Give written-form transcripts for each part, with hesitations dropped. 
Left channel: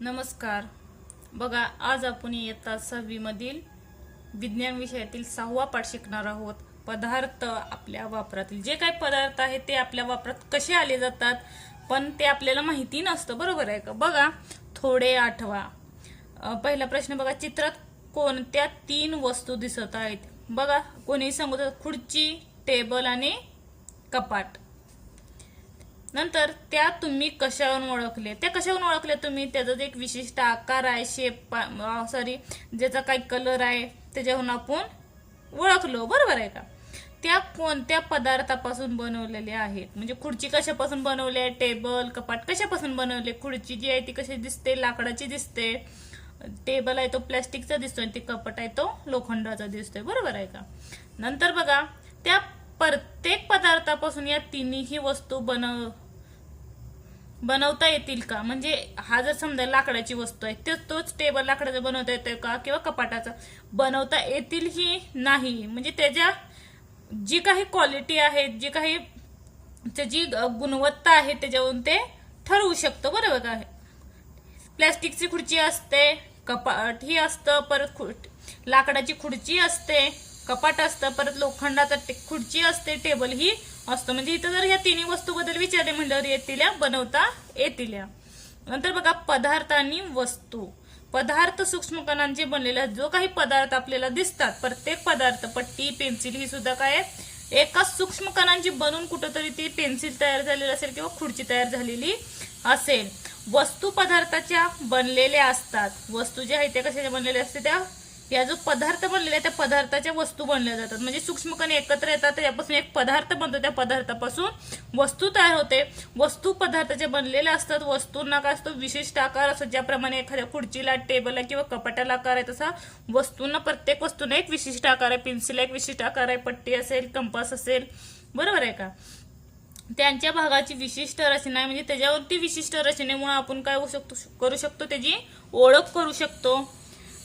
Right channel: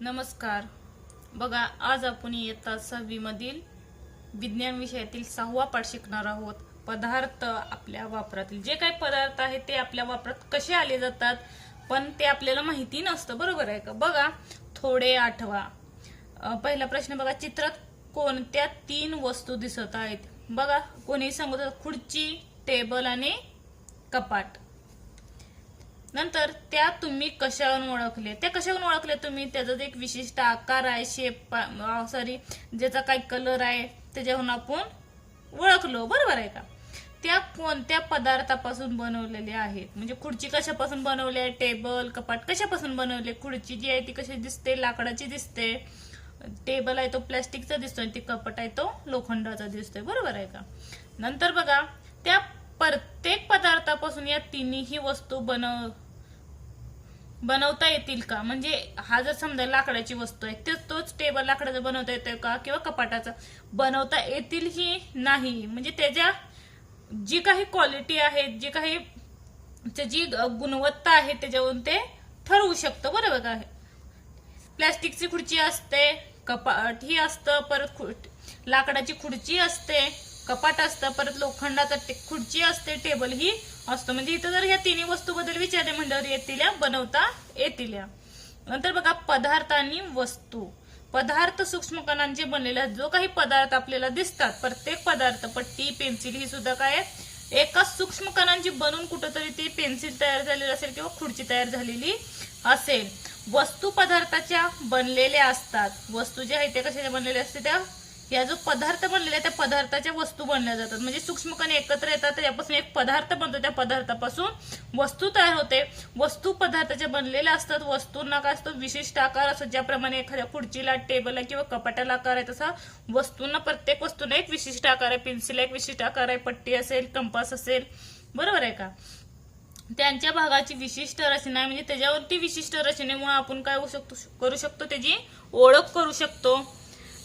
नमस्कार. बघा, आज आपण इयत्ता 6वी मधील विज्ञान विषयातील 6वा पाठ शिकणार आहोत. पदार्थ आपल्या वापरातील जे काही पदार्थ आहेत ते आपल्या वापरात कसे आले जातात पण ते आपल्याला माहिती नसतं, बरोबर आहे का? बघा, थोडे आठवा. पहिला प्रश्न बघा, चित्रात कोणत्या 3 वस्तू दिसत आहेत? बघा, कोणी सांगत खुर्ची, टेबल आणि कपाट. नंतर त्या तुम्ही कशावरून ओळखले? त्या कशावरून ओळखले तुम्ही? त्याचा एक विशिष्ट आकार आहे, शेप ज्याचा काही कलर आहे त्याच्यावरून आपण ओळखलो, बरोबर आहे का? त्या कोणत्या पदार्थापासून बनवलेले आहेत? म्हणजे खुर्ची कशापासून बनवली आहे, टेबल कपाट कशापासून बनवले? खुर्ची जी आहे ती कशी दिसते? लाकडाची दिसते. टेबल आहे तो प्लास्टिकचा दिसतोय आणि ती कपाट आहे तो लोखंडाचा दिसतोय, बरोबर आहे का? नंतर बघा, त्या प्रत्येक पदार्थापासून या तिन्ही वस्तू बनवता येतील का? म्हणजे हा जर समजा लाकडाची वस्तू आहे तोच टेबल लाकडाचा बनवता येतोय का किंवा कपाटाचा बनवता येतील ही नाही. म्हणजे त्याच्या जी काही क्वालिटी आहे, जी काही त्याची गुणवत्ता आहे त्याच्यावरून ते ठरवू शकतो, बरोबर का? प्लास्टिकची खुर्ची असते, कपाट ही असतं, परत लाकडाची खुर्ची असते, कपाट असतं, परत लोखंडाचा खुर्ची असते, टेबल ही असतं. म्हणजे इथं जर या तिन्ही वस्तू बद्दल विचारले म्हणल्यावर येतील, बनवता येतील. नंतर बघा, पदार्थ आणि वस्तू. पदार्थ सूक्ष्म कणांचे बनलेले जो काही पदार्थ आपल्याला दिसतात, प्रत्येक पदार्थ, पट्टी, पेन्सिल ही सुद्धा काय आहे? एका सूक्ष्म कणांची बनवून कुठंतरी ती पेन्सिल तयार झालेली असेल किंवा खुर्ची तयार झालेली असेल. वस्तू पदार्थाच्या बनलेल्या असतात. वस्तू जे आहे ते कशाच्या बनलेल्या असते? त्या या जो पदार्थ बनलेला आहे त्या पदार्थाच्या वस्तू बनल्या जातात. म्हणजे सूक्ष्म कण एकत्र येतात, त्यापासून एक पदार्थ बनतो, त्या पदार्थापासून वस्तू तयार होते. वस्तू पदार्थाच्या बनलेल्या असतात. वस्तूंना काय असतो? विशिष्ट आकार असतो. ज्याप्रमाणे एखाद्या खुर्चीला, टेबलला किंवा कपाटाला आकार आहे तसा वस्तूंना, प्रत्येक वस्तूला एक विशिष्ट आकार आहे. पेन्सिलला एक विशिष्ट आकार आहे, पट्टी असेल, कंपास असेल, बरोबर आहे का? त्यांच्या भागाची विशिष्ट रचना आहे. म्हणजे त्याच्यावरती विशिष्ट रचनेमुळे आपण काय करू शकतो? त्याची ओळख करू शकतो.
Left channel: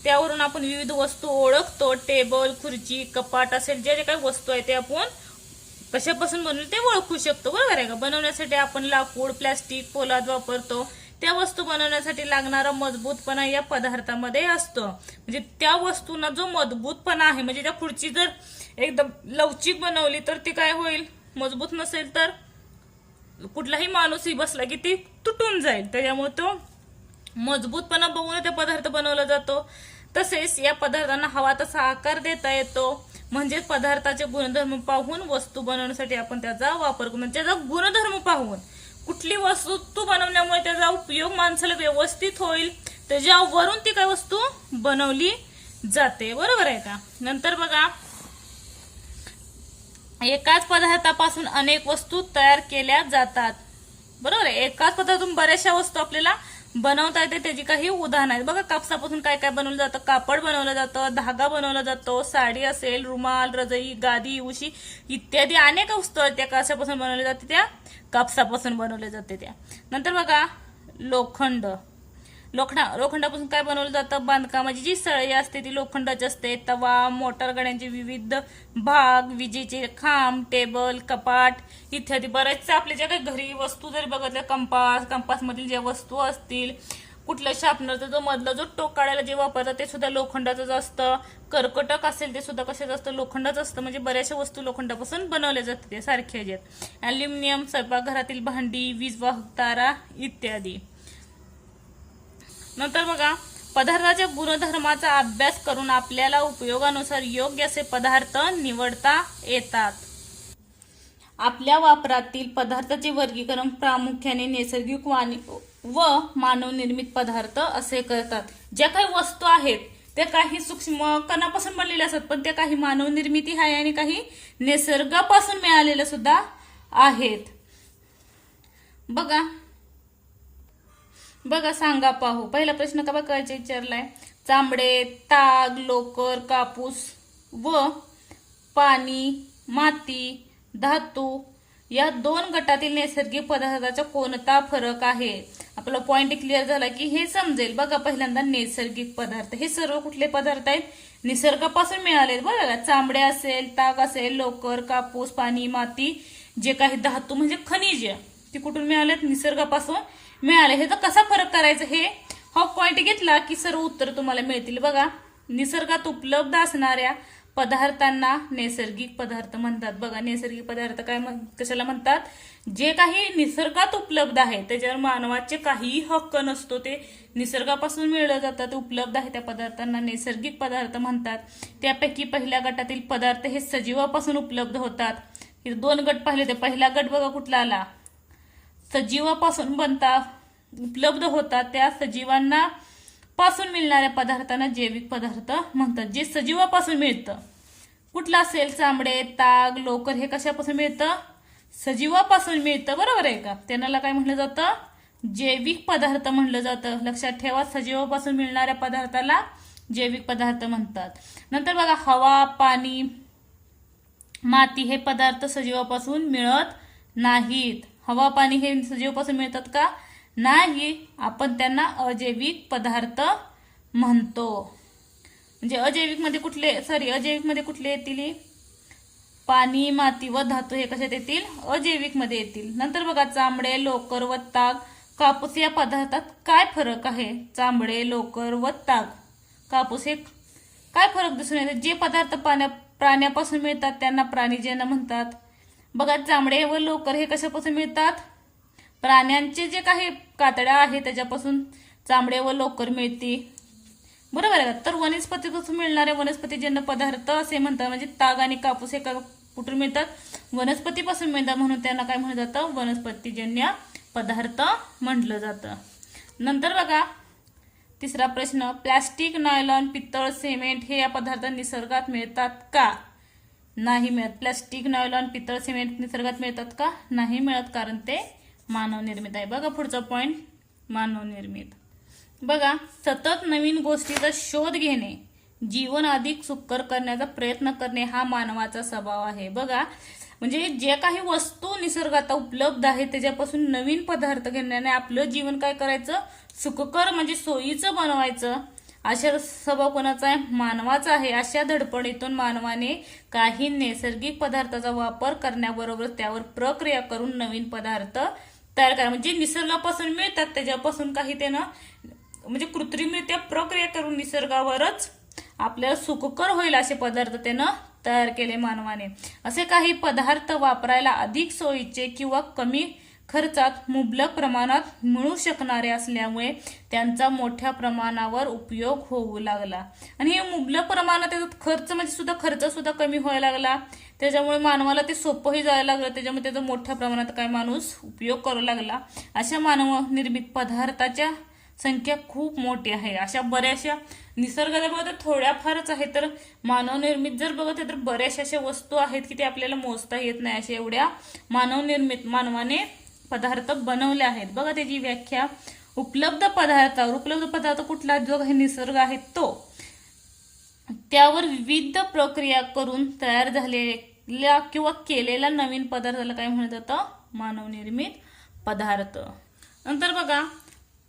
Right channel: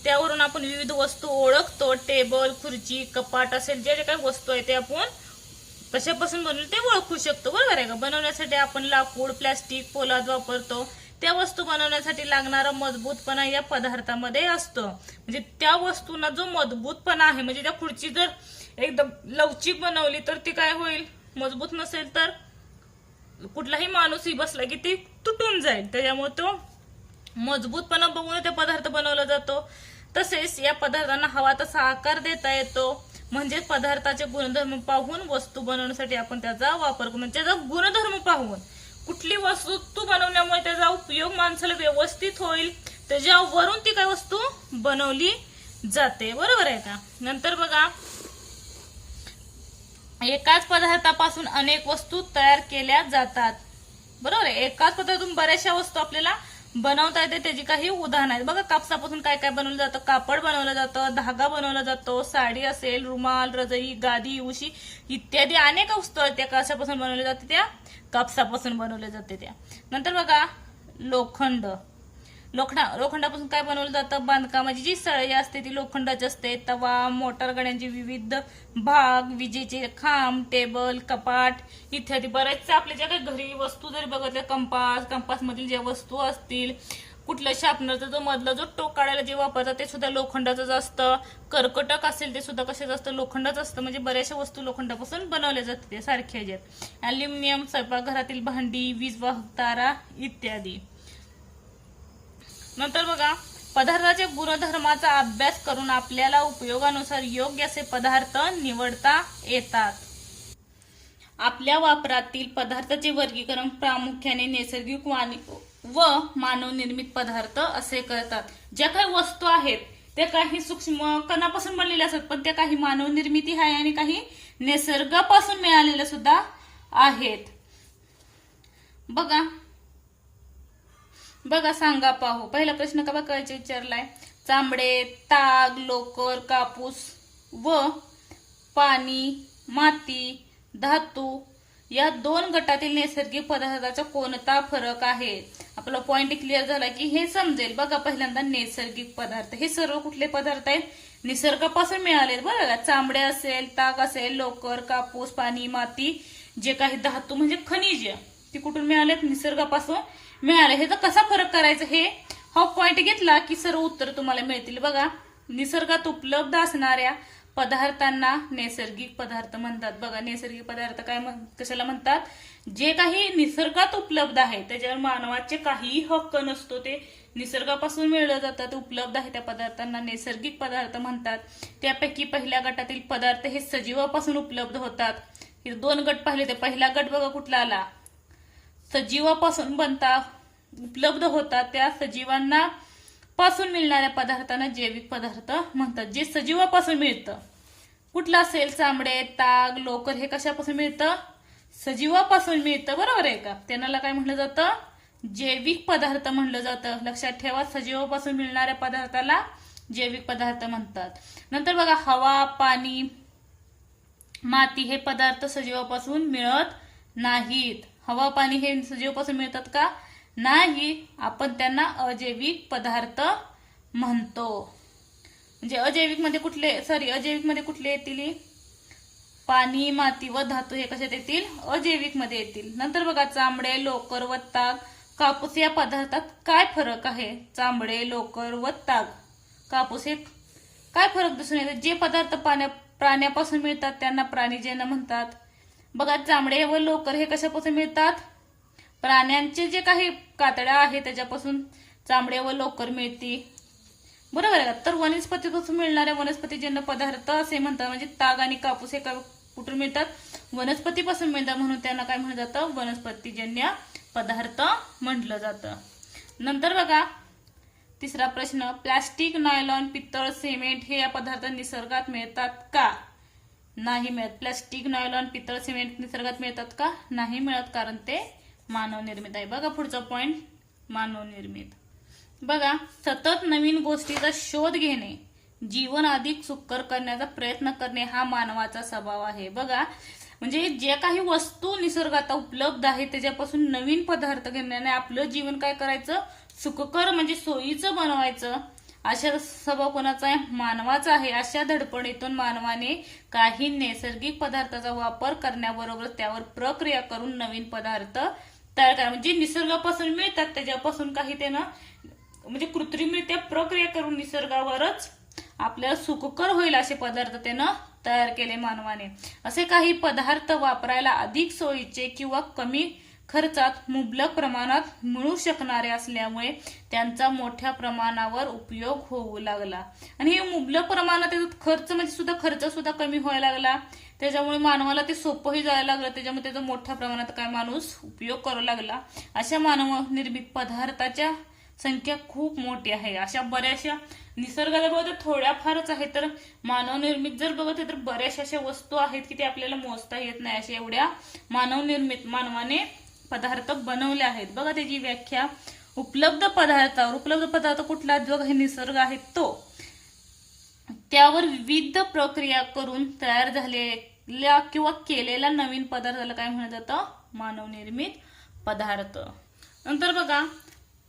त्यावरून आपण विविध वस्तू ओळखतो. टेबल, खुर्ची, कपाट असेल जे काही वस्तू आहे ते आपण कशापासून बनवले ते ओळखू शकतो, बरोबर आहे का? बनवण्यासाठी आपण लाकूड, प्लास्टिक, पोलाद वापरतो. त्या वस्तू बनवण्यासाठी लागणारा मजबूतपणा या पदार्थामध्ये असतो. म्हणजे त्या वस्तूंना जो मजबूतपणा आहे, म्हणजे त्या खुर्ची जर एकदम लवचिक बनवली तर ती काय होईल? मजबूत नसेल तर कुठलाही माणूसही बसला की ती तुटून जाईल. त्याच्यामुळे तो मजबूतपणा बघून ते पदार्थ बनवला जातो. तसेच या पदार्थांना हवा तसा आकार देता येतो. म्हणजे पदार्थाचे गुणधर्म पाहून वस्तू बनवण्यासाठी आपण त्याचा वापर करून, त्याचा गुणधर्म पाहून कुठली वस्तू बनवल्यामुळे त्याचा उपयोग माणसाला व्यवस्थित होईल त्याच्यावरून ती काय वस्तू बनवली जाते, बरोबर आहे का? नंतर बघा, एकाच पदार्थापासून अनेक वस्तू तयार केल्या जातात, बरोबर आहे? एकाच पदार्थातून बऱ्याचशा वस्तू आपल्याला बनवता येते. त्याची काही उदाहरण आहेत. बघा, कापसापासून काय काय बनवलं जातं? कापड बनवलं जातं, धागा बनवला जातो, साडी असेल, रुमाल, रजई, गादी, उशी इत्यादी अनेक वस्तू आहेत त्या कशापासून बनवल्या जाते? त्या कापसापासून बनवल्या जाते त्या. नंतर बघा, लोखंडापासून काय बनवलं जातं? बांधकामाची जी सळई असते ती लोखंडाची असते. तवा, मोटार गाड्यांचे विविध भाग, विजेचे खांब, टेबल, कपाट इत्यादी बरेचसे आपल्या ज्या काही घरी वस्तू जर बघितल्या, कंपास मधील ज्या वस्तू असतील, कुठल्या शार्पनरचा जो मधला जो टोक काढायला जे वापरतात ते सुद्धा लोखंडाचंच असतं. कर्कटक असेल ते सुद्धा कशाचं असतं? लोखंडाचं असतं. म्हणजे बऱ्याचशा वस्तू लोखंडापासून बनवल्या जातात ते सारख्या ज्यात. अल्युमिनियम, स्वयंपाकघरातील भांडी, वीज वाहक तारा इत्यादी. नंतर बघा, पदार्थाच्या गुणधर्माचा अभ्यास करून आपल्याला उपयोगानुसार योग्य असे पदार्थ निवडता येतात. आपल्या वापरातील पदार्थाचे वर्गीकरण प्रामुख्याने नैसर्गिक व मानवनिर्मित पदार्थ असे करतात. ज्या काही वस्तू आहेत त्या काही सूक्ष्म कणापासून बनलेल्या असतात, पण त्या काही मानवनिर्मिती आहे आणि काही निसर्गापासून मिळालेल्या सुद्धा आहेत. बघा, सांगा, पाहू. पहिला प्रश्न का बघा विचारलाय? चामडे, ताग, लोकर, कापूस व पाणी, माती, धातू या 2 गटातील नैसर्गिक पदार्थाचा कोणता फरक आहे? आपला पॉइंट क्लिअर झाला की हे समजेल. बघा, पहिल्यांदा नैसर्गिक पदार्थ हे सर्व कुठले पदार्थ आहेत? निसर्गापासून मिळाले, बघा. चामडे असेल, ताग असेल, लोकर, कापूस, पाणी, माती, जे काही धातू म्हणजे खनिज ती कुठून मिळालेत? निसर्गापासून मिळाले. ह्याचा कसा फरक करायचा हे हा पॉइंट घेतला की सर्व उत्तर तुम्हाला मिळतील. बघा, निसर्गात उपलब्ध असणाऱ्या पदार्थांना नैसर्गिक पदार्थ म्हणतात. बघा, नैसर्गिक पदार्थ कशाला म्हणतात? जे काही निसर्गात उपलब्ध आहे त्याच्यावर मानवाचे काहीही हक्क नसतो, ते निसर्गापासून मिळलं जातं, ते उपलब्ध आहे त्या पदार्थांना नैसर्गिक पदार्थ म्हणतात. त्यापैकी पहिल्या गटातील पदार्थ हे सजीवापासून उपलब्ध होतात. हे 2 गट पाहिले, ते पहिला गट बघा कुठला आला? सजीवापासून उपलब्ध होतात. त्या सजीवांना पासून मिळणाऱ्या पदार्थांना जैविक पदार्थ म्हणतात. जे सजीवापासून मिळतं, कुठलं असेल? चामडे, ताग, लोकर, हे कशापासून मिळतं? सजीवापासून मिळतं, बरोबर आहे का? त्यांना काय म्हणलं जातं? जैविक पदार्थ म्हणलं जातं. लक्षात ठेवा, सजीवापासून मिळणाऱ्या पदार्थाला जैविक पदार्थ म्हणतात. नंतर बघा, हवा, पाणी, माती हे पदार्थ सजीवापासून मिळत नाहीत. हवा, पाणी हे सजीवापासून मिळतात का? नाही. आपण त्यांना अजैविक पदार्थ म्हणतो. म्हणजे अजैविक मध्ये कुठले येतील? पाणी, माती व धातू हे कशात येतील? अजैविक मध्ये येतील. नंतर बघा, चामडे, लोकर व ताग, कापूस या पदार्थात काय फरक आहे? चामडे, लोकर व ताग, कापूस हे काय फरक दिसून येतो? जे पदार्थ प्राण्यापासून मिळतात त्यांना प्राणीजन्य म्हणतात. बघा, चामडे व लोकर हे कशापासून मिळतात? प्राण्यांचे जे काही कातड्या आहेत त्याच्यापासून चामडे व लोकर मिळते, बरोबर आहे का? तर वनस्पतीपासून मिळणारे वनस्पतीजन्य पदार्थ असे म्हणतात. म्हणजे ताग आणि कापूस हे कुठून मिळतात? वनस्पतीपासून मिळतात, म्हणून त्यांना काय म्हणलं जातं? वनस्पतीजन्य पदार्थ म्हटलं जातं. नंतर बघा, तिसरा प्रश्न, प्लास्टिक, नायलॉन, पितळ, सिमेंट हे या पदार्थ निसर्गात मिळतात का? नाही मिळत. प्लास्टिक, नायलॉन, पितळ, सिमेंट निसर्गात मिळतात का? नाही मिळत, कारण ते मानव निर्मित आहे. बघा पुढचा पॉइंट, मानव निर्मित. बघा, सतत नवीन गोष्टीचा शोध घेणे, जीवन अधिक सुकर करण्याचा प्रयत्न करणे हा मानवाचा स्वभाव आहे. बघा, म्हणजे जे काही वस्तू निसर्गात उपलब्ध आहे त्याच्यापासून नवीन पदार्थ घेण्याने आपलं जीवन काय करायचं? सुखकर म्हणजे सोयीचं बनवायचं. अशा स्वभाव कोणाचा आहे? मानवाचा आहे. अशा धडपडीतून मानवाने काही नैसर्गिक पदार्थाचा वापर करण्याबरोबर त्यावर प्रक्रिया करून नवीन पदार्थ तयार करा. म्हणजे निसर्गापासून मिळतात त्याच्यापासून काही त्यानं म्हणजे कृत्रिमरित्या प्रक्रिया करून निसर्गावरच आपल्याला सुखकर होईल असे पदार्थ त्यानं तयार केले मानवाने. असे काही पदार्थ वापरायला अधिक सोयीचे किंवा कमी खर्चात मुबलक प्रमाणात मिळू शकणारे असल्यामुळे त्यांचा मोठ्या प्रमाणावर उपयोग होऊ लागला. आणि हे मुबलक प्रमाणात खर्च म्हणजे खर्च सुद्धा कमी व्हायला लागला. त्याच्यामुळे मानवाला ते सोपंही जायला लागलं. त्याच्यामुळे त्याचा मोठ्या प्रमाणात काय माणूस उपयोग करू लागला. अशा मानव निर्मित पदार्थाच्या संख्या खूप मोठी आहे. अशा बऱ्याचशा निसर्गाला बघा तर थोड्याफारच आहे, तर मानव निर्मित जर बघत तर बऱ्याचशा अशा वस्तू आहेत की ते आपल्याला मोजता येत नाही. अशा एवढ्या मानवाने पदार्थ बनवले आहेत. बघा त्याची व्याख्या, उपलब्ध पदार्थ कुठला? जो काही निसर्ग आहे तो, त्यावर विविध प्रक्रिया करून तयार झालेल्या किंवा केलेल्या नवीन पदार्थाला काय म्हणत जातं? मानव निर्मित पदार्थ. नंतर बघा,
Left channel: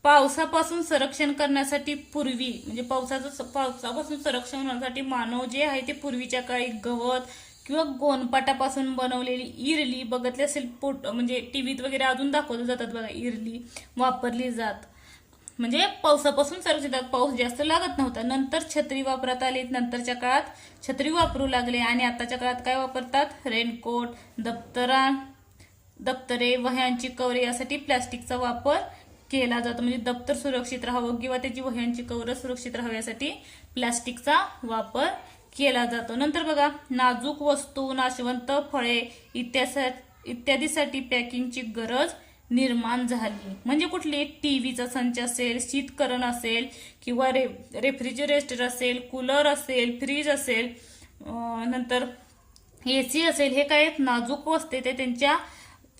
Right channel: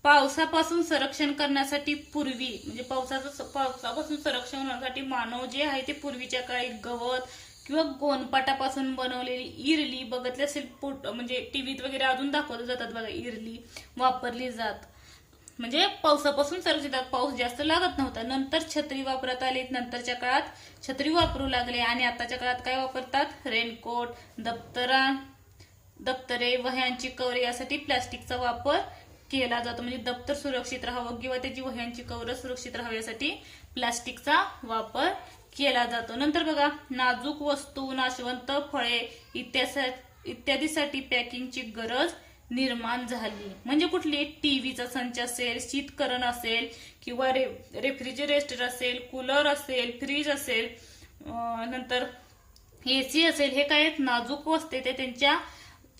पावसापासून संरक्षण करण्यासाठी पूर्वी म्हणजे पावसापासून संरक्षण करण्यासाठी मानव जे आहे ते पूर्वीच्या काळी गवत किंवा गोनपाटापासून बनवलेली इरली बघितली असेल, म्हणजे टीव्हीत वगैरे अजून दाखवले जातात बघा, इरली वापरली जात. म्हणजे पावसापासून संरक्षण, पाऊस जास्त लागत नव्हता. नंतर छत्री वापरात आली, नंतरच्या काळात छत्री वापरू लागले आणि आताच्या काळात काय वापरतात? रेनकोट, दप्तरे, वह्यांची कवरे यासाठी प्लास्टिकचा वापर केला जातो. म्हणजे दप्तर सुरक्षित राहावं किंवा त्याची वह्यांची कवर सुरक्षित राहावी यासाठी प्लास्टिकचा वापर केला जातो. नंतर बघा, नाजूक वस्तू, नाशवंत फळे इत्यादीसाठी पॅकिंगची गरज निर्माण झाली. म्हणजे कुठली? टीव्हीचा संच असेल, शीतकरण असेल किंवा रेफ्रिजरेटर असेल, कूलर असेल, फ्रीज असेल, नंतर एसी असेल, हे काय नाजूक वस्तू ते त्यांच्या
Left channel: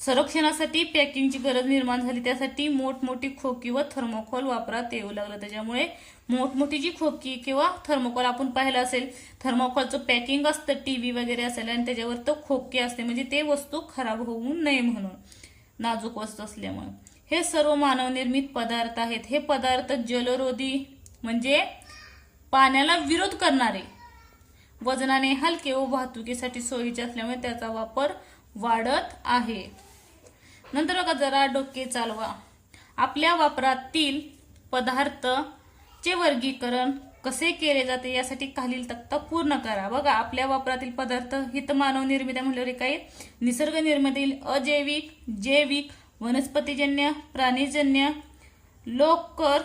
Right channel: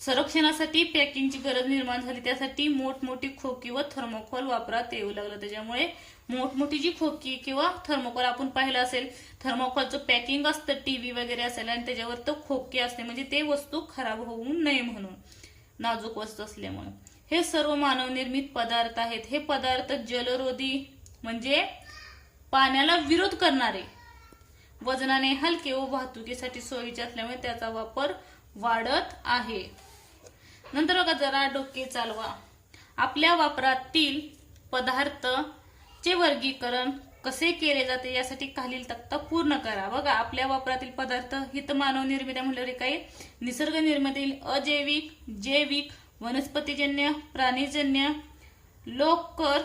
संरक्षणासाठी पॅकिंगची गरज निर्माण झाली. त्यासाठी मोठमोठी खोकी व थर्मोकोल वापरात येऊ लागलं. त्याच्यामुळे मोठमोठी जी खोकी किंवा थर्मोकोल आपण पाहिलं असेल, थर्मोकोलचं पॅकिंग असतं टीव्ही वगैरे असेल आणि त्याच्यावर तो खोकी असते, म्हणजे ते वस्तू खराब होऊ नये म्हणून, नाजूक वस्तू असल्यामुळे. हे सर्व मानवनिर्मित पदार्थ आहेत. हे पदार्थ जलरोधी म्हणजे पाण्याला विरोध करणारे, वजनाने हलके व वाहतुकीसाठी सोयीचे असल्यामुळे त्याचा वापर वाढत आहे. नंतर बघा, जरा डोके चालवा. आपल्या वापरातील पदार्थचे वर्गीकरण कसे केले जाते यासाठी खालील तक्ता पूर्ण करा. बघा, आपल्या वापरातील पदार्थ हित मानव निर्मित म्हणल्यावर काही निसर्ग निर्मित, अजैविक, जैविक, वनस्पतीजन्य, प्राणीजन्य, लोकर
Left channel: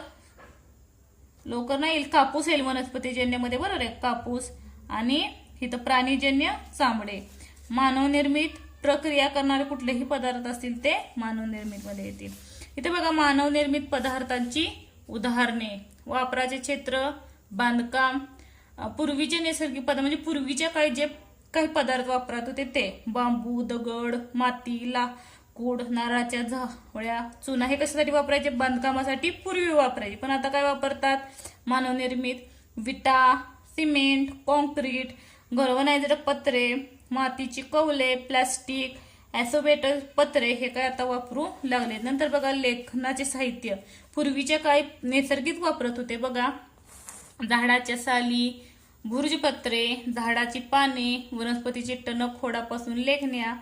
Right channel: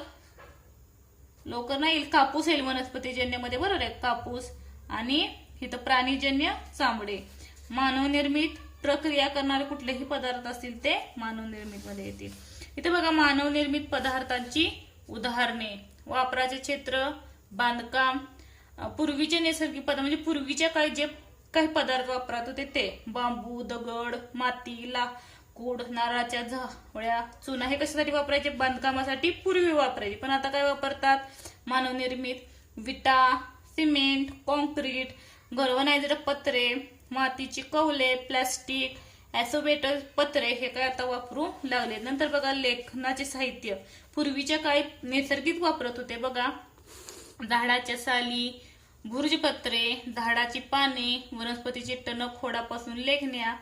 नाही येईल, कापूस येईल वनस्पतीजन्य मध्ये, बरोबर आहे, कापूस, आणि इथं प्राणीजन्य चामडे. मानव निर्मित प्रक्रिया करणारे कुठलेही पदार्थ असतील ते मानव निर्मित मध्ये येतील. इथे बघा, मानव निर्मित पदार्थांची उदाहरणे, वापराचे क्षेत्र, बांधकाम, पूर्वीचे नैसर्गिक पदार्थ म्हणजे पूर्वीच्या काळी जे काही पदार्थ वापरत होते ते बांबू, दगड, माती, लाकूड, नारळाच्या झावळ्या, चुना, हे कशासाठी वापरायचे? बांधकामासाठी पूर्वी वापरायचे. पण आता काय वापरतात? मानव निर्मित विटा, सिमेंट, कॉन्क्रीट, गल्वनायझर पत्रे, मातीची कौले, प्लास्टिक, ऍसोबेटर पत्रे हे काय आता वापरू लागले. नंतर बघा, लेखनाचे साहित्य, पूर्वीच्या काळी नैसर्गिक वापरत होते. बघा, झाडाच्या साली, भुर्जपत्रे, झाडाची पाने, वनस्पतीचे टणक, खोडापासून लेखण्या,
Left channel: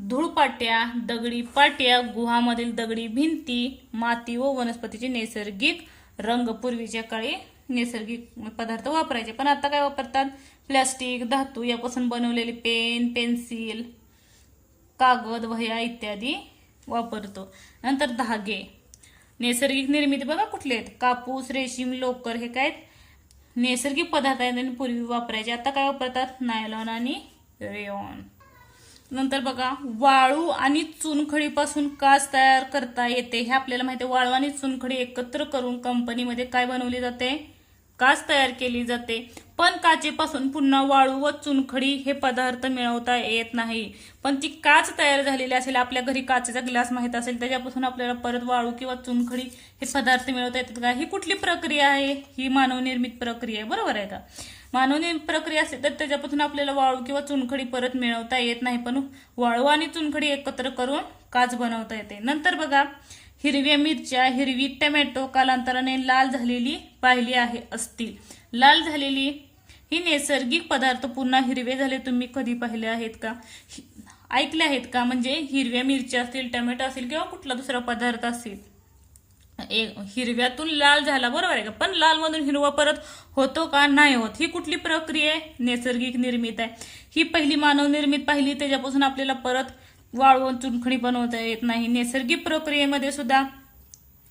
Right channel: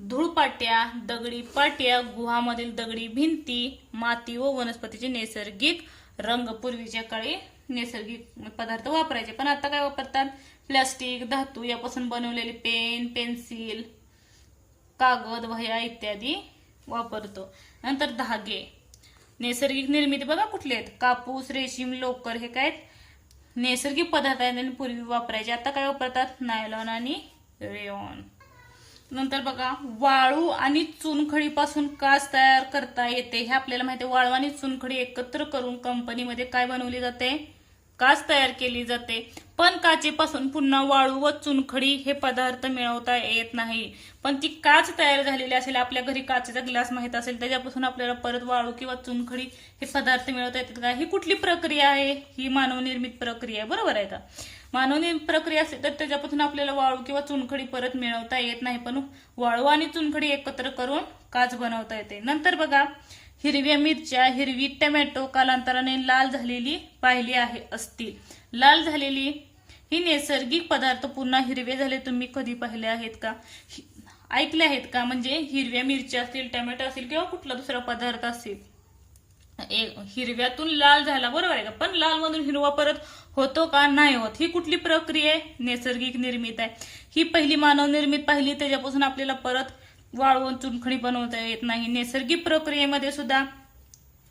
धूळपाट्या, दगडी पाट्या, गुहामधील दगडी भिंती, माती व वनस्पतीचे नैसर्गिक रंग पूर्वीच्या काळी नैसर्गिक पदार्थ वापरायचे. पण आता काय वापरतात? प्लास्टिक, धातू यापासून बनवलेले पेन, पेन्सिल, कागद, वह्या इत्यादी वापरतो. नंतर धागे, नैसर्गिक निर्मिती बघा कुठले आहेत? कापूस, रेशीम, लोकर हे काय नैसर्गिक पदार्थ आहेत आणि पूर्वी वापरायचे. आता काय वापरतात? नायलॉन आणि रेयॉन. नंतर बघा, वाळू आणि चुनखडीपासून काच तयार करता येते. हे आपल्याला माहिती आहे. वाळू आणि चुनखडी एकत्र करून कंपनीमध्ये काय बनवली जाते? काच तयार केली जाते. पण काचेपासून पुन्हा वाळू व चुनखडी हे पदार्थ मिळवता येत नाही. पण ती काच तयार झालेली असेल, आपल्या घरी काचेचा ग्लास माहित असेल, त्याच्यापासून आपल्याला परत वाळू किंवा चुनखडी हे पदार्थ मिळवता येतात का? ही कुठली प्रक्रिया आहे? ही मानवनिर्मित प्रक्रिया आहे, बरोबर आहे का? मानवनिर्मित प्रक्रिया असेल तर त्याच्यापासून आपल्याला वाळू किंवा चुनखडी परत मिळवता येत नाही. पण वाळू आणि चुनखडी एकत्र करून काच बनवता येते. नंतर बघा, हिरव्या मिरच्या, हिरवी टोमॅटो कालांतराने लाल झालेली पाहिली आहे असतील. लाल झालेली ही नैसर्गिक पदार्थ पुन्हा हिरवे झाले तुम्ही कधी पाहिले आहेत का? ऐकले आहेत का? म्हणजे हिरव्या मिरच्या असतील, टोमॅटो असेल किंवा कुठला दुसरा पदार्थ असेल, हिरव्यातून लाल झाला, बरोबर आहे का? पण लाल मधून हिरवा परत होतो का? नाही होत. ही कुठली प्रक्रिया आहे? नैसर्गिक निर्मित आहे. ही पहिली मानव निर्मित पाहिली, त्याच्यापासून आपल्याला परत वाळवून चुनखडी बनवता येत नाही. नैसर्गिक प्रक्रियेमध्ये सुद्धा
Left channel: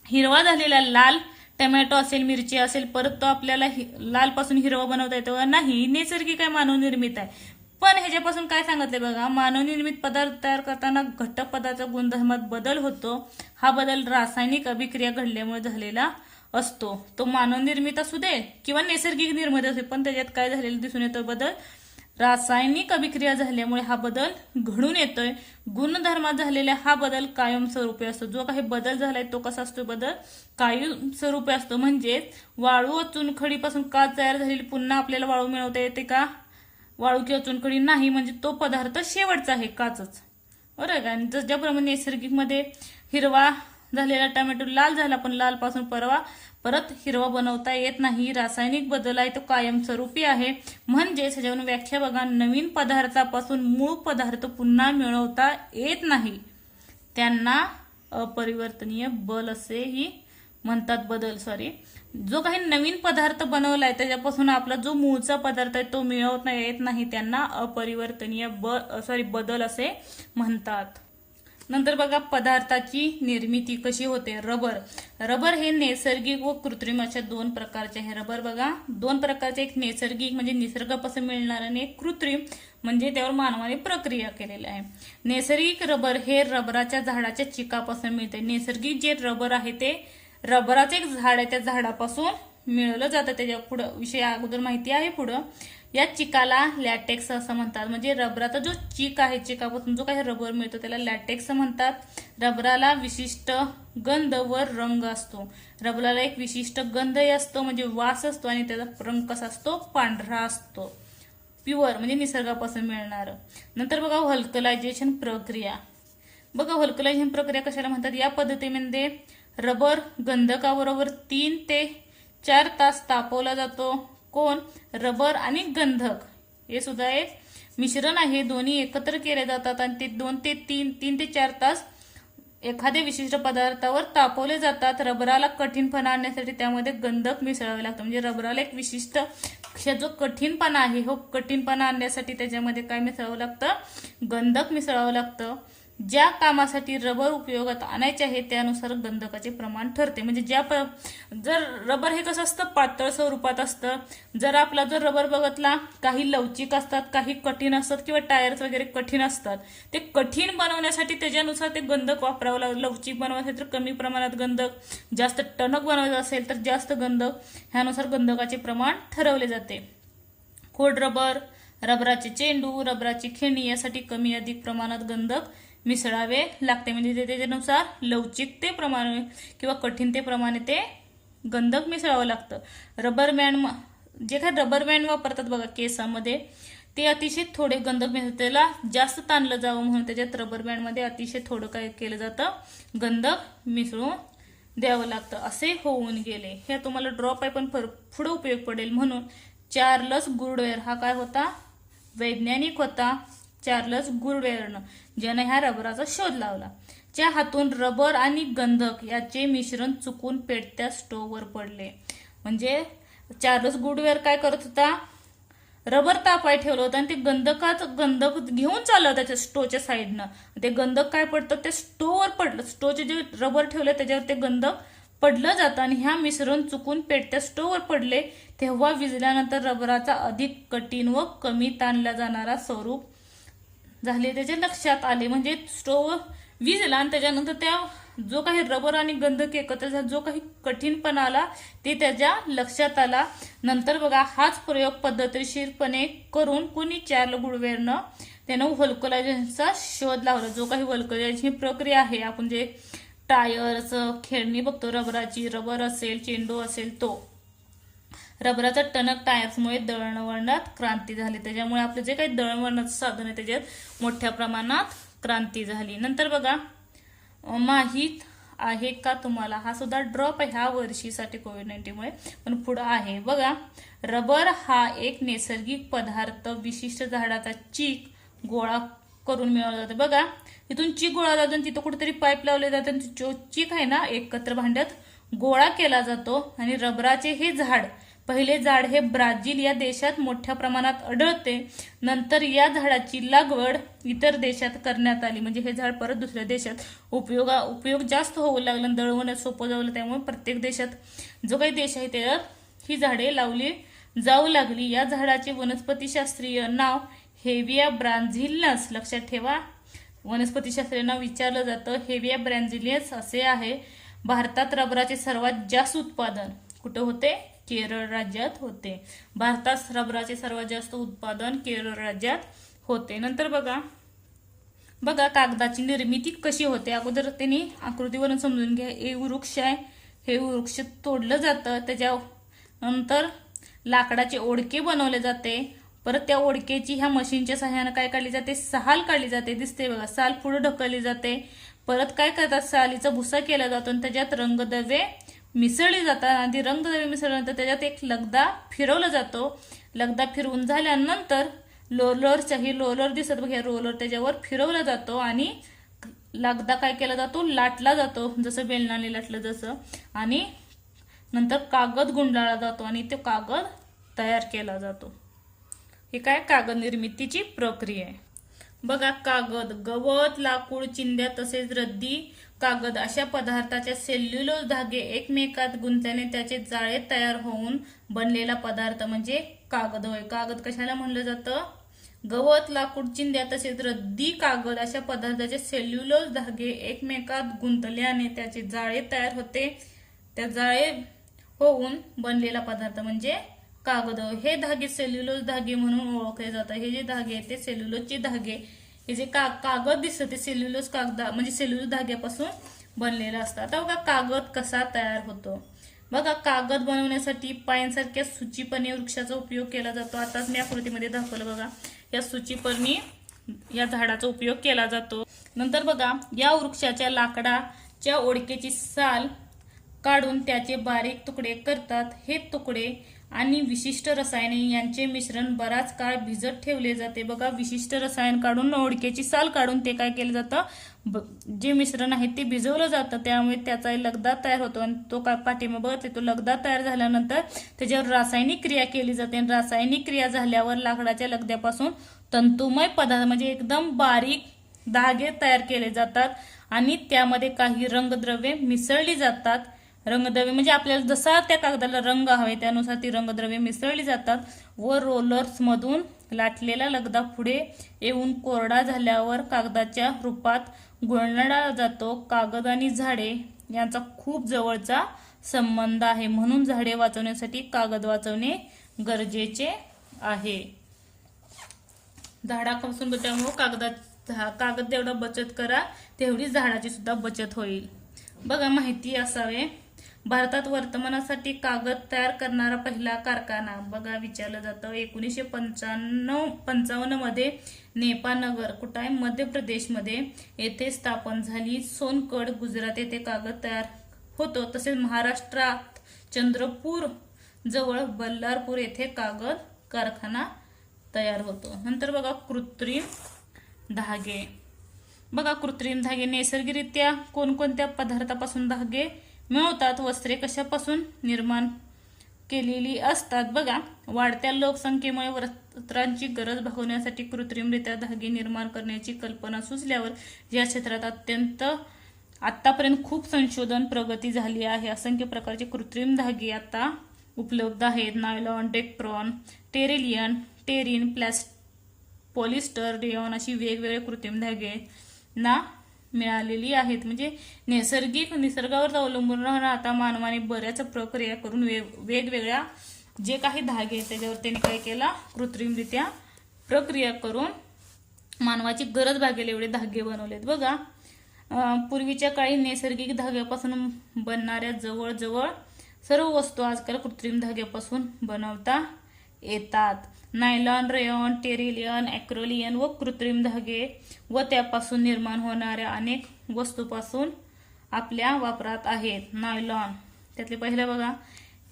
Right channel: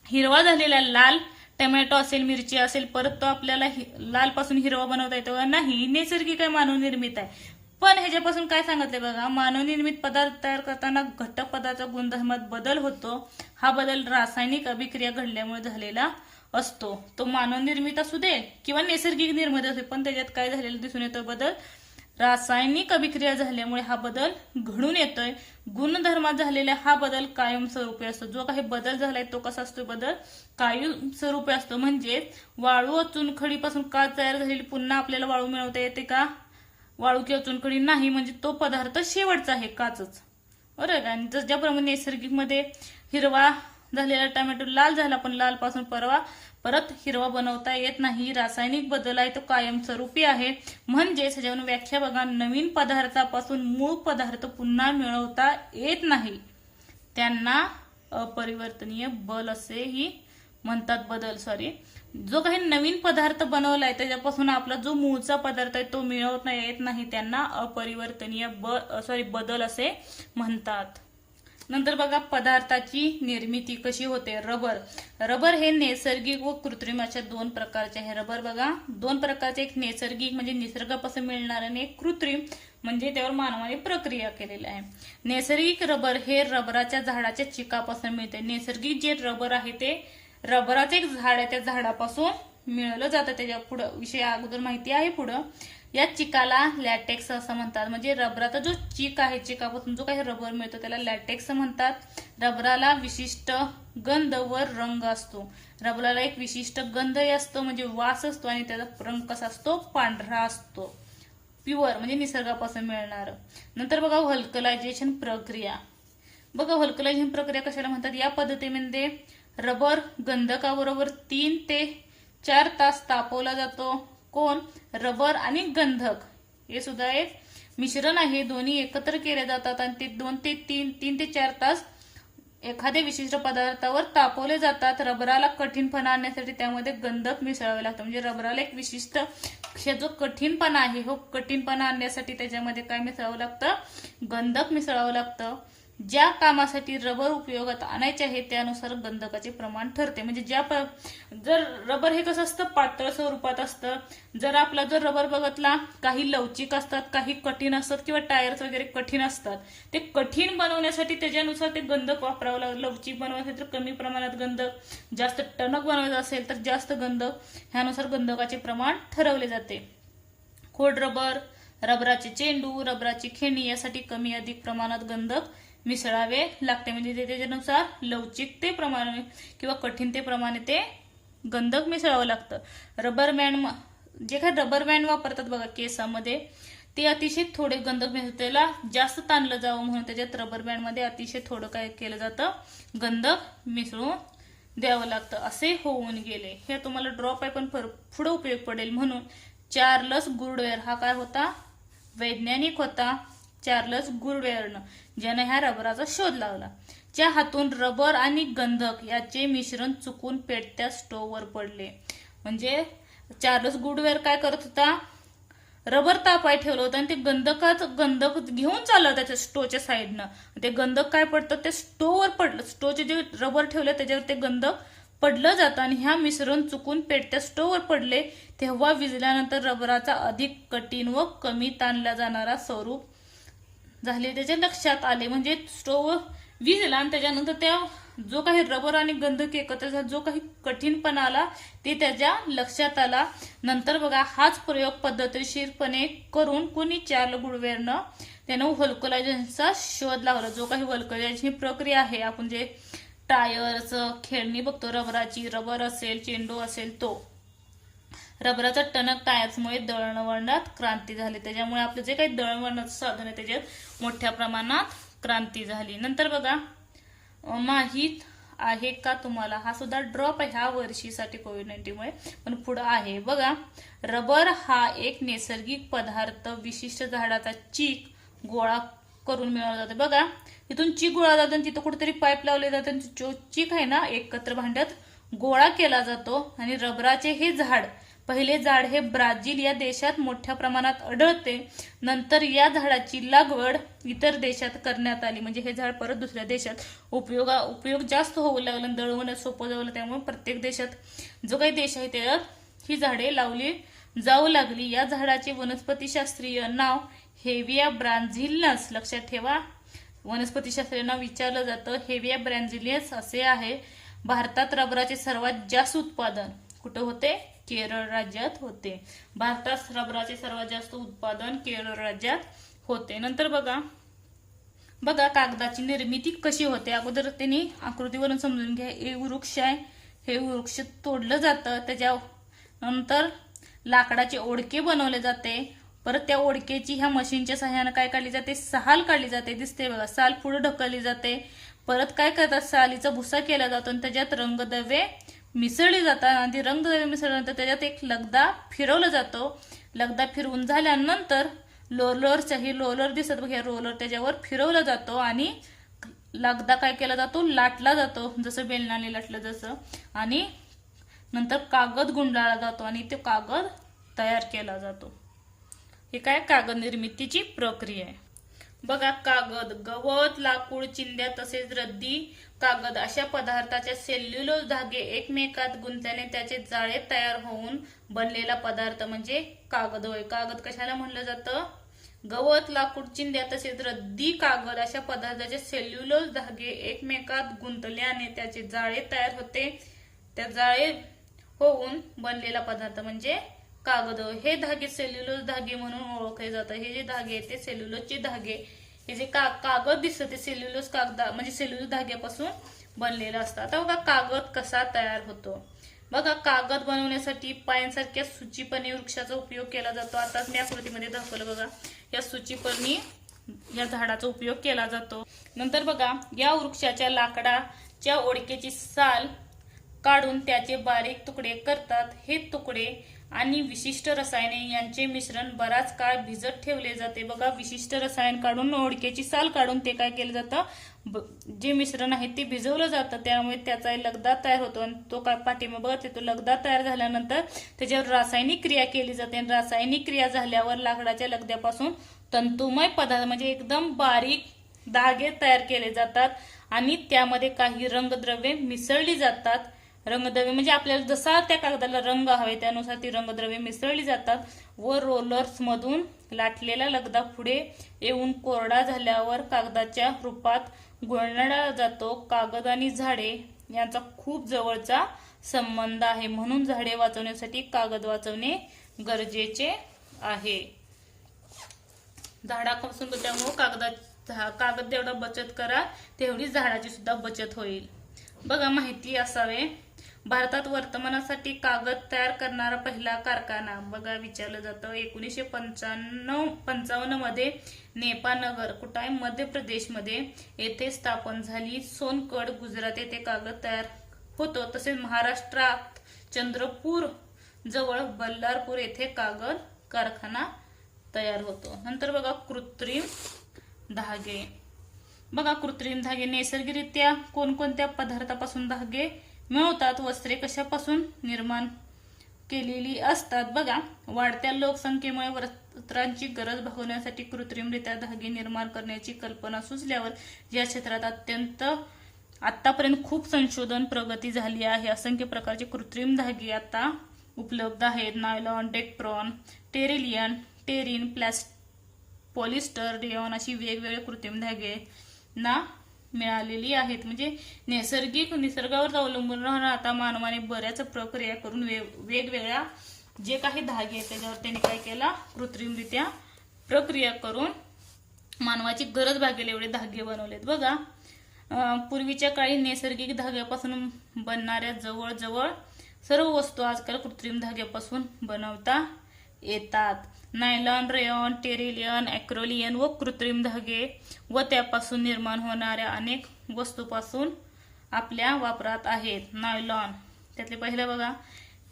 हिरवा झालेला लाल टोमॅटो असेल, मिरची असेल, परत तो आपल्याला लाल पासून हिरवा बनवता येतो का? नाही. नैसर्गिक आहे, मानव निर्मित आहे. पण ह्याच्यापासून काय सांगितलंय बघा, मानव निर्मित पदार्थ तयार करताना घटक पदार्थाचा गुणधर्मात बदल होतो. हा बदल रासायनिक अभिक्रिया घडल्यामुळे झालेला असतो. तो मानव निर्मित असू दे किंवा नैसर्गिक निर्मित असू दे, पण त्याच्यात काय झालेलं दिसून येतो? बदल रासायनिक अभिक्रिया झाल्यामुळे हा बदल घडून येतोय. गुणधर्मात झालेला हा बदल कायमस्वरूपी असतो. जो काही बदल झालाय तो कसा असतो? बदल कायमस्वरूपी असतो. म्हणजे वाळू व चुनखडीपासून काच तयार झालेली पुन्हा आपल्याला वाळू मिळवता येते का? वाळू किंवा चुनखडी नाही. म्हणजे तो पदार्थ शेवटचा आहे, काचच, बरोबर का? आणि ज्याप्रमाणे नैसर्गिक मध्ये हिरवा झालेला टोमॅटो लाल झाला, पण लाल पासून परत हिरवा बनवता येत नाही. रासायनिक बदल आहे तो कायमस्वरूपी आहे. म्हणजे ह्याच्यावरून व्याख्या बघा, नवीन पदार्थापासून मूळ पदार्थ पुन्हा मिळवता येत नाही. त्यांना अपरिवर्तनीय बल असेही म्हणतात. जो काही नवीन पदार्थ बनवलाय त्याच्यापासून आपला जो मूळचा पदार्थ आहे तो मिळवता येत नाही, त्यांना अपरिवर्तनीय बदल असे म्हणतात. नंतर बघा, पदार्थाची निर्मिती कशी होते? रबर हे नैसर्गिक व कृत्रिम अशा दोन प्रकारचे आहे. रबर बघा दोन प्रकारचे, एक नैसर्गिक म्हणजे निसर्गापासून मिळणार आणि एक कृत्रिम म्हणजे त्यावर मानवाने प्रक्रिया केलेली आहे. नैसर्गिक रबर हे रबराच्या झाडाच्या चिकापासून मिळते. नैसर्गिक जे रबर आहे ते रबराचं एक झाड आहे, त्या झाडापासून मिळवलं जातं. त्याच्या पुढं विषय अगोदर माहिती आहे. पुढं या चिकाला लॅटेक्स असं म्हणतात. म्हणजे रबराचा जो चिक आहे, चिकापासून जो काही रबर मिळतो त्याला लॅटेक्स म्हणतात. रबराला विशिष्ट गंध व रंग असतो. रबराला एक विशिष्ट गंधही असतो म्हणजे वास असतो, आणि त्याचा रंग कसा असतो? पांढरा असतो. प्युअर म्हणजे निसर्गापासून मिळणार. नंतर बघा, व्हल्कनायझेशन प्रक्रिया. बघा, व्हल्कनायझेशन प्रक्रिया कशाला म्हणतात? या पद्धतीमध्ये रबर गंधकाबरोबर 3 ते 4 तास तापवला जातो. कोण? रबर आणि गंधक हे सुद्धा एक मिश्रण आहे. दोन्ही एकत्र केले जातात आणि ते 3 ते 4 तास एखाद्या विशिष्ट पदार्थावर तापवले जातात. रबराला कठीणपणा आणण्यासाठी त्यामध्ये गंधक मिसळावे लागतं. म्हणजे रबराला एक विशिष्ट जो कठीणपणा आहे हो कठीणपणा आणण्यासाठी त्याच्यामध्ये काय मिसळावं लागतं, गंधक मिसळावं लागतं. ज्या कामासाठी रबर उपयोगात आणायचे आहे त्यानुसार गंधकाचे प्रमाण ठरते. म्हणजे जर रबर हे कसं असतं पातळ स्वरूपात असतं. जर रबर बघतला काही लवचिक असतात, काही कठीण असतात किंवा टायर्स वगैरे कठीण असतात. ते कठीण बनवण्यासाठी त्याच्यानुसार ते गंधक वापरावं लागतं. लवचिक बनवायचं तर कमी प्रमाणात गंधक, जास्त टणक बनवायचं असेल तर जास्त गंधक, ह्यानुसार गंधकाचे प्रमाण ठरवले जाते. खोड रबर, रबराचे चेंडू, रबराची खेळणी यासाठी कमी अधिक प्रमाणात गंधक मिसळावे लागते. म्हणजे त्याच्यानुसार लवचिकतेप्रमाणे किंवा कठीणतेप्रमाणे ते गंधक मिसळावं लागतं. रबर बँड वापरतात बघा केसामध्ये, ते अतिशय थोडे गंधक मिसळतात. त्याला जास्त ताणलं जावं म्हणून त्याच्यात रबर बँडमध्ये अतिशय थोडं काय केलं जातं, गंधक मिसळून द्यावं लागतं. असे होऊन गेले. हे तुम्हाला ड्रॉप आहे पण पुढे उपयोग पडेल म्हणून. चार्ल्स गुडवेअर हा काय होता, वैज्ञानिक होता. चार्ल्स गुडवेअरनं ज्याने ह्या रबराचा शोध लावला. च्या हातून रबर आणि गंधक याचे मिश्रण चुकून पेटत्या स्टोव्हवर पडले. म्हणजे चार्ल्स गुडवेअर काय करत होता, रबर तापाय ठेवलं होतं आणि ते गंधक घेऊन चाललं त्याच्या स्टोवच्या साईडनं. ते गंधक काय पडतं, ते स्टोव्हवर पडलं. स्टोवचे जे रबर ठेवले त्याच्यावर ते गंधक पडलं जातं आणि ह्या मिश्रण चुकून पेटत्या स्टोव्हवर पडले. तेव्हा विजल्यानंतर रबराचा अधिक कठीण व कमी ताणला जाणारा स्वरूप झाले त्याच्या लक्षात आले. म्हणजे स्टोव्ह विजला आणि त्याच्यानंतर त्या जो काही रबर आणि गंधक एकत्र झाला, जो काही कठीणपणा आला ते त्याच्या लक्षात आला. नंतर बघा हाच प्रयोग पद्धतशीरपणे करून कुणी चार्ल्स गुडवेअरनं त्यानं व्हल्कनायझेशनचा शोध लावला. जो काही व्हल्कनायझेशन ही प्रक्रिया आहे, आपण जे टायर्स खेळणी बघतो रबराची, रबर असेल चेंडू असेल, तो रबराचा टणक टायर्समुळे दळणवळणात क्रांती झाली. त्याच्यामुळे आपले जे काही दळणवळणाचं साधन आहे त्याच्यात मोठ्या प्रमाणात क्रांती झाली. नंतर बघा माहीत आहे का तुम्हाला, हा सुद्धा ड्रॉप आहे ह्या वर्षीसाठी कोविड-19 पण पुढे आहे बघा. रबर हा एक नैसर्गिक पदार्थ विशिष्ट झाडाचा चीक गोळा करून मिळवला जातो. बघा इथून चीक गोळा जातो आणि तिथं कुठेतरी पाईप लावले जाते आणि जो चीक आहे ना एकत्र भांड्यात गोळा केला जातो. आणि रबराचे हे पहिले झाड हे ब्राझील या देशात मोठ्या प्रमाणात आढळते. नंतर या झाडाची लागवड इतर देशात करण्यात आली. म्हणजे हे झाड परत दुसऱ्या देशात उपयोग जास्त होऊ लागलं, दळवणं सोपं झालं. त्यामुळे प्रत्येक देशात जो काही देश आहे त्याच्यात ही झाडे लावली जाऊ लागली. या झाडाचे वनस्पतीशास्त्रीय नाव हेविया ब्राझिलियन्स, लक्षात ठेवा वनस्पतीशास्त्रीय नाव विचारलं जातं, हेविया ब्राझिलियन्स असे आहे. भारतात रबराचे सर्वात जास्त उत्पादन कुठं होते, केरळ राज्यात होते. भारतात रबराचे सर्वात जास्त उत्पादन केरळ राज्यात होते. नंतर बघा कागदाची निर्मिती कशी होते. अगोदर त्यांनी आकृतीवरून समजून घ्या. हे वृक्ष आहे, हे वृक्ष तोडलं जातं, त्याच्यानंतर लाकडाचे ओढके बनवले जाते. परत त्या ओढकेची ह्या मशीनच्या सहाय्याने काय काढली जाते, साल काढली जाते. दिसते बघा, साल पुढे ढकलली जाते. परत काय करतात, सालीचा भुसा केला जातो आणि त्याच्यात रंगद्रव्ये मिसळली जातात. आणि रंगद्रव्ये मिसळल्यानंतर त्याच्यात एक लगदा फिरवला जातो. लगदा फिरवून झाल्यानंतर रोलर दिसत बघा, रोलर त्याच्यावर फिरवला जातो आणि लगदा काय केला जातो, लाटला जातो, जसं बेलनाने लाटलं जसं. आणि नंतर कागद गुंडाळला जातो आणि तो कागद तयार केला जातो. हे काय कागद निर्मितीची प्रक्रिया आहे. बघा कागद, गवत, लाकूड, चिंध्या तसेच रद्दी कागद अशा पदार्थाचे सेल्युलोज धागे एकमेकात गुंतल्याने त्याचे जाळे तयार होऊन बनलेला पदार्थ म्हणजे कागद होय. कागद कशाला म्हणलं जातं, गवत, लाकूड, चिंध्या तसेच रद्दी कागद अशा पदार्थाचे सेल्युलोज धागे एकमेकात गुंतल्याने त्याचे जाळे तयार होते. त्या जाळे होऊन बनलेला पदार्थ म्हणजे कागद. हे धागे सेल्युलोज धागे म्हणून ओळखले जातात. हे जे धागे आहेत ते सेल्युलोजचे धागे. हे जे कागद दिसतं ते सेल्युलोज कागदा म्हणजे सेल्युलोज धाग्यापासून बनलेलं असतं. आता बघा कागद कसा तयार होतो. बघा कागद बनवण्यासाठी पायांसारख्या सूचीपर्णी वृक्षाचा उपयोग केला जातो. आताच मी आकृतीमध्ये दाखवलं बघा, या सूचीपर्णी या झाडाचा उपयोग केला जातो. नंतर बघा या वृक्षाच्या लाकडाच्या ओढकेची साल काढून त्याचे बारीक तुकडे करतात. हे तुकडे आणि विशिष्ट रसायने यांचे मिश्रण बराच काळ भिजत ठेवले जाते. बघा, विशिष्ट रसायन काढून ओळखेची साल काढून ते काय केलं जातं, जे मिश्रण आहे ते भिजवलं जातं. त्यामुळे त्याचा लगदा तयार होतो आणि तो काय पाठीमागे बघते तो लगदा तयार झाल्यानंतर त्याच्यावर रासायनिक क्रिया केली जाते आणि रासायनिक क्रिया झाल्यावर लाकडाच्या लगद्यापासून तंतुमय पदार्थ म्हणजे एकदम बारीक धागे तयार केले जातात आणि त्यामध्ये काही रंगद्रव्ये मिसळली जातात. रंगद्रव्ये म्हणजे आपल्याला जसा त्या कागदाला रंग हवे त्यानुसार ती रंगद्रव्ये मिसळली जातात व रोलर्स मधून लाटलेला लगदा पुढे येऊन कोरडा झाल्यावर कागदाच्या रूपात गुळणला जातो. कागद आणि झाडे यांचा खूप जवळचा संबंध आहे, म्हणून झाडे वाचवण्यासाठी कागद वाचवणे गरजेचे आहे. झाडापासून त्यामुळे कागद जेवढा बचत करा तेवढी झाडाची सुद्धा बचत होईल. बघा, माहिती असावे. भारतात वर्तमानासाठी कागद तयार करणारा पहिला कारखाना बघा विचारलं जातं 1955 मध्ये नेपानगर कुठं आहे, मध्य प्रदेशमध्ये येथे स्थापन झाली. सोनगड गुजरात येथे कागद तयार होतो. तसेच महाराष्ट्रात चंद्रपूर जवळ बल्लारपूर येथे कागद कारखाना तयार होतो. नंतर बघा कृत्रिम धागे. बघा, कृत्रिम धागे नैसर्गिकरित्या कोणकोणत्या पदार्थापासून धागे मिळवतात. वस्त्रे कशापासून निर्माण केलेली असतात. बघा, वाढत्या लोकसंख्येमुळे वस्त्रांची गरज भागवण्यासाठी कृत्रिमरित्या धागे निर्माण करण्याची कल्पना सुचल्यावर या क्षेत्रात आतापर्यंत खूप संशोधन प्रगती झाली आहे. असंख्य प्रकारचे कृत्रिम धागे आता उपलब्ध आहेत. नायलॉन, डेक्ट्रॉन, टेरिन, पॉलिस्टर, रेयॉन अशी वेगवेगळे कृत्रिम धागे ना मिळालेली आहेत. म्हणजे निसर्गावर अवलंबून राहणं आता मानवाने बऱ्याच प्रक्रिया करून वेगवेगळ्या जे काही धागे आहेत त्याच्यावर त्यांनी काय केला, कृत्रिमरित्या प्रक्रिया करून मानवाची गरज भागेल एवढे धागे बनवलेत. बघा, पूर्वीच्या काळी नैसर्गिक धाग्यापासून बनणाऱ्या जवळजवळ सर्व वस्तू आजकाल कृत्रिम धाग्यापासून बनवता येतात. नायलॉन, रेयॉन, टेरिलियन, ॲक्रेलियन व कृत्रिम धागे व त्यापासून निर्माण होणाऱ्या अनेक वस्तूपासून आपल्या वापरात आहेत. नायलॉन त्यातले पहिले बघा,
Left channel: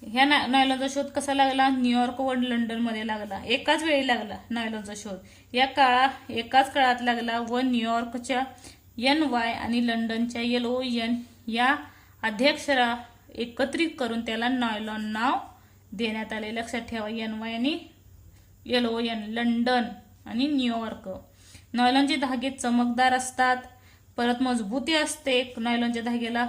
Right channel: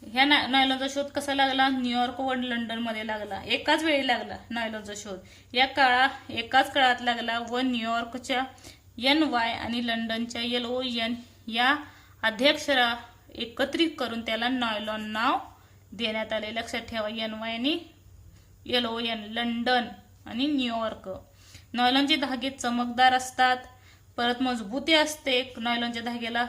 ह्या नायलॉनचा शोध कसा लागला, न्यूयॉर्क व लंडन मध्ये लागला. एकाच वेळी लागला नायलॉनचा शोध. एकाच काळात लागला व न्यूयॉर्कच्या NY आणि लंडनच्या LON या आद्याक्षरा एकत्रित करून त्याला नायलॉन नाव देण्यात आले. लक्षात ठेवा, NY आणि LON लंडन आणि न्यूयॉर्क. नायलॉनचे धागे चमकदार असतात, परत मजबूती असते. नायलॉनच्या धाग्याला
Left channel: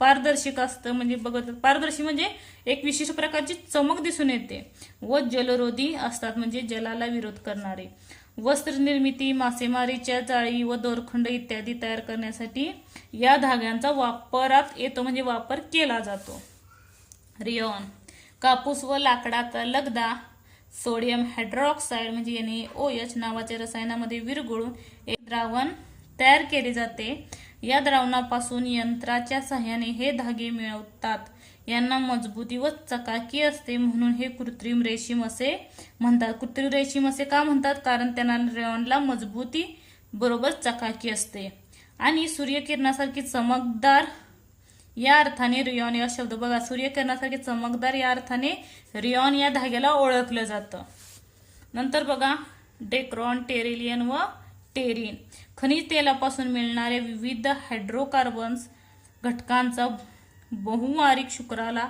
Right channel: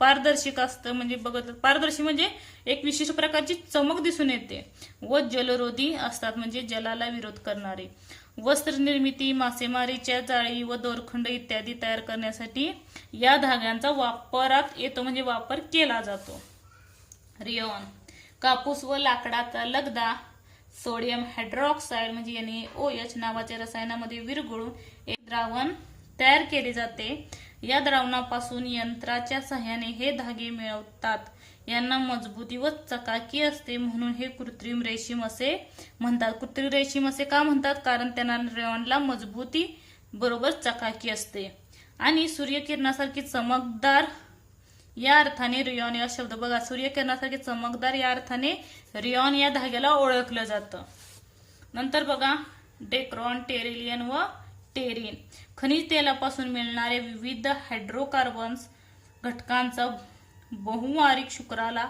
पारदर्शक असतं, म्हणजे पारदर्शी म्हणजे एक विशिष्ट प्रकारची चमक दिसून येते व जलरोधी असतात, म्हणजे जलाला विरोध करणारे. वस्त्र निर्मिती, मासेमारीच्या जाळी व दोरखंड इत्यादी तयार करण्यासाठी या धाग्यांचा वापरात येतो, म्हणजे वापर केला जातो. रेयॉन कापूस व लाकडाचा लगदा सोडियम हायड्रॉक्साईड म्हणजे NaOH नावाच्या रसायनामध्ये विरघळून एक द्रावण तयार केले जाते. या द्रावणापासून यंत्राच्या सहाय्याने हे धागे मिळवतात. यांना मजबूती व चकाकी असते, म्हणून हे कृत्रिम रेशीम असे म्हणतात. कृत्रिम रेशीम असे का म्हणतात, कारण त्यांना रेयॉनला मजबूती बरोबर चकाकी असते. आणि सूर्यकिरणासारखी चमकदार या अर्थाने रेयॉन या शब्द बघा, सूर्यकिरणासारखे चमकदार या अर्थाने रेयॉन या धाग्याला ओळखलं जातं. नंतर बघा, डेक्ट्रॉन, टेरिलियन व टेरिन खनिज तेलापासून मिळणारे विविध हायड्रोकार्बन्स घटकांचा बहुवार्षिक शुक्राला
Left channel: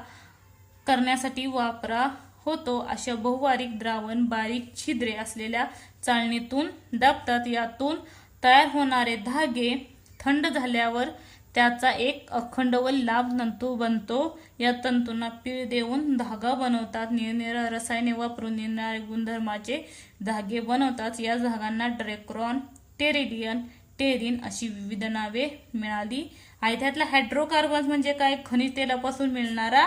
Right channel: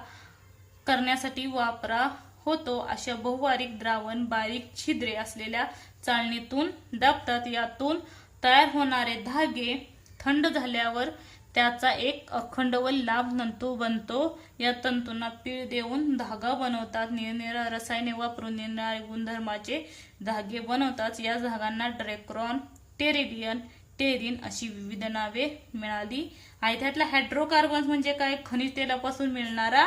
करण्यासाठी वापरा होतो. अशा बहुवार्षिक द्रावण बारीक छिद्रे असलेल्या चाळणीतून दाबतात. यातून तयार होणारे धागे थंड झाल्यावर त्याचा एक अखंड व लांब तंतू बनतो. या तंतूंना पीळ देऊन धागा बनवतात. निरनिराळ्या रसायने वापरून निरनिराळ्या गुणधर्माचे धागे बनवतात. या धाग्यांना डेक्ट्रॉन, टेरिलियन, टेरिन अशी विविध नावे मिळाली आहेत. त्यातला हायड्रोकार्बन्स म्हणजे काय, खनिज तेलापासून मिळणारा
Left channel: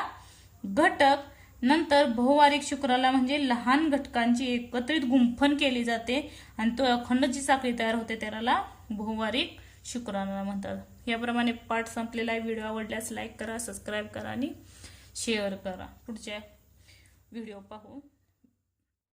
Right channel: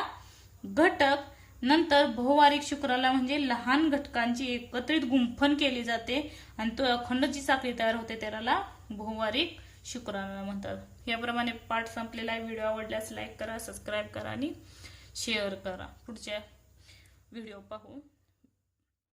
घटक. नंतर बहुवार्षिक शुक्राला म्हणजे लहान घटकांची एकत्रित गुंफण केली जाते आणि तो अखंड जी साखळी तयार होते त्याला बहुवार्षिक शुक्राला म्हणतात. याप्रमाणे पाठ संपलेला आहे. व्हिडिओ आवडल्यास लाईक करा, सबस्क्राईब करा आणि शेअर करा. पुढच्या व्हिडिओ पाहू.